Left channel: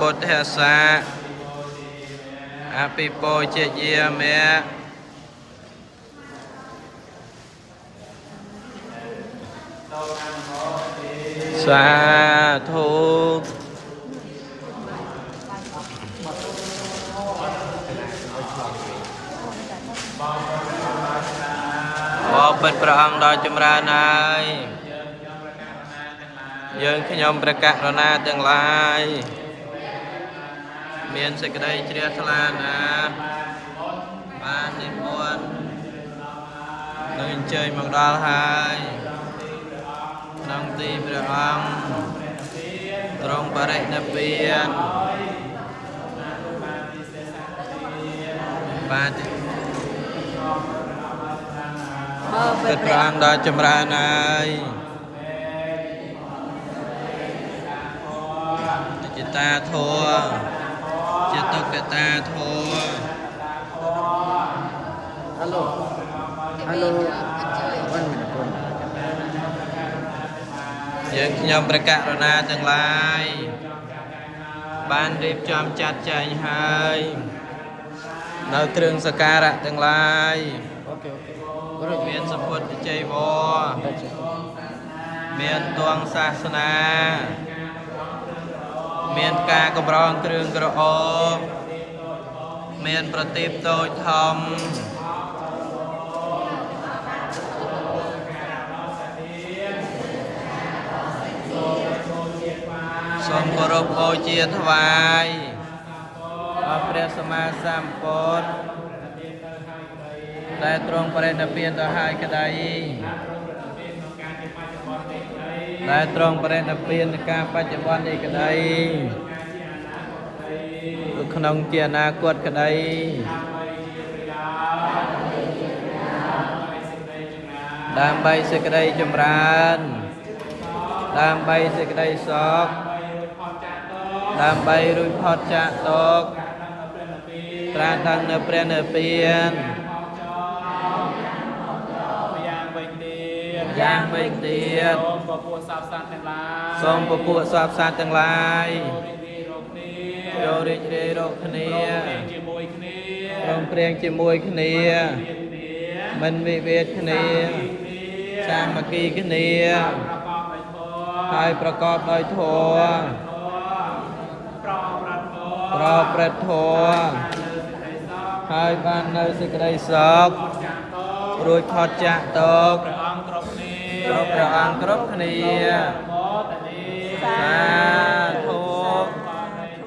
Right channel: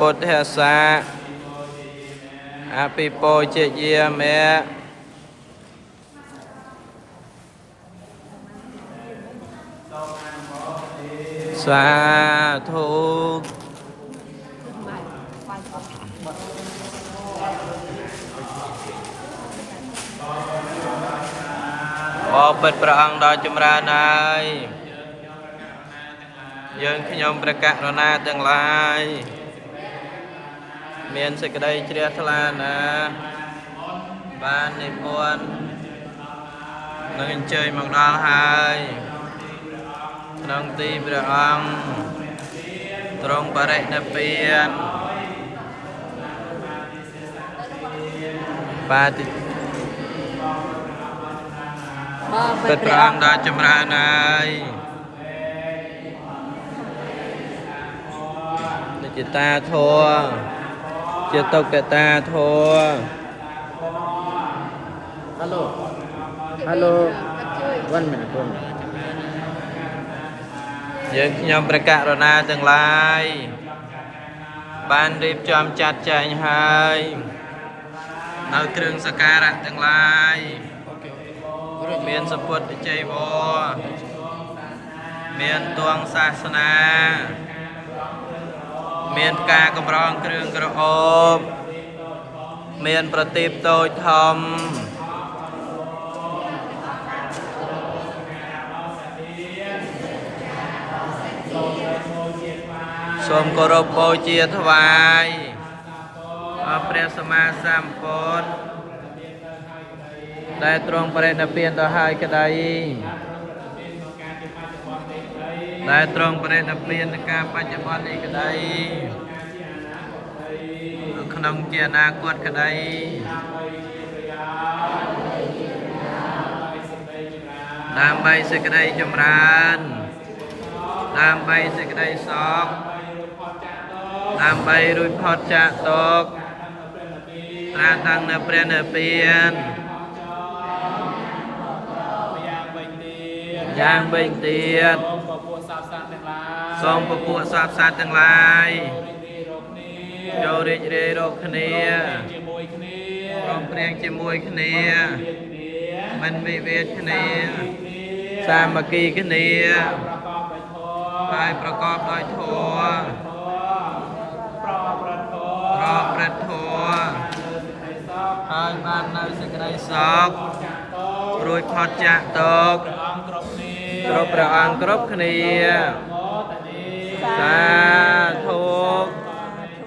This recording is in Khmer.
ពុទ្ធសាអភិពោជាយាមេសាធុបបិទ្ធព្រះអង្គដ៏ចម្រើនហើយយើងខ្ញុំព្រះករុណាទាំងឡាយមានសេចក្តីជ្រះថ្លាណាស់បាននិមន្តនៅអញ្ជើញមកដល់ហើយក្នុងទីព្រះអង្គទ្រង់បរិនិព្វានបាទពិតព្រះអង្គដ៏ចម្រើនហើយនិច្ចតាធម៌ជាតុកតាធម៌ Halo 1 minute យើងខ្ញុំព្រះករុណាទាំងឡាយបានរៀបចំចាត់ចែងហើយនៅគ្រឿងសក្ការៈទាំងឡាយមានសពុទ្ធវិជ័យវរមានទងសាសនាមានការកម្រងគ្រឿងក្រអូបមានប្រទីបតូចធំសូមគោរពបូជាថ្វាយអព្រះសម្មាសម្ពុទ្ធដែលទ្រង់បរិនិព្វានទៅហើយក្តីដែលទ្រង់បរិនិព្វាននៅការបច្ចុប្បន្ននេះក្តីក្នុងជាអនាគតក្តីដើម្បីសេចក្តីចម្រើនដើម្បីសេចក្តីសុខដើម្បីរួចផុតចាកទុក្ខត្រាស់ដឹងនៅព្រះនិព្វានយ៉ាងវិញទៀតសូមពពួកសត្វសត្វទាំងឡាយចូលរីករាយរកគ្នាព្រមព្រៀងជាមួយគ្នាមិនវិវាទគ្នាសាមគ្គីគ្នាហើយប្រកបដោយធម៌ប្រព្រឹត្តធម៌ហើយបាននៅសេចក្តីសុខរួចផុតចាកទុក្ខគ្រប់ព្រះអង្គគ្រប់គ្នាសា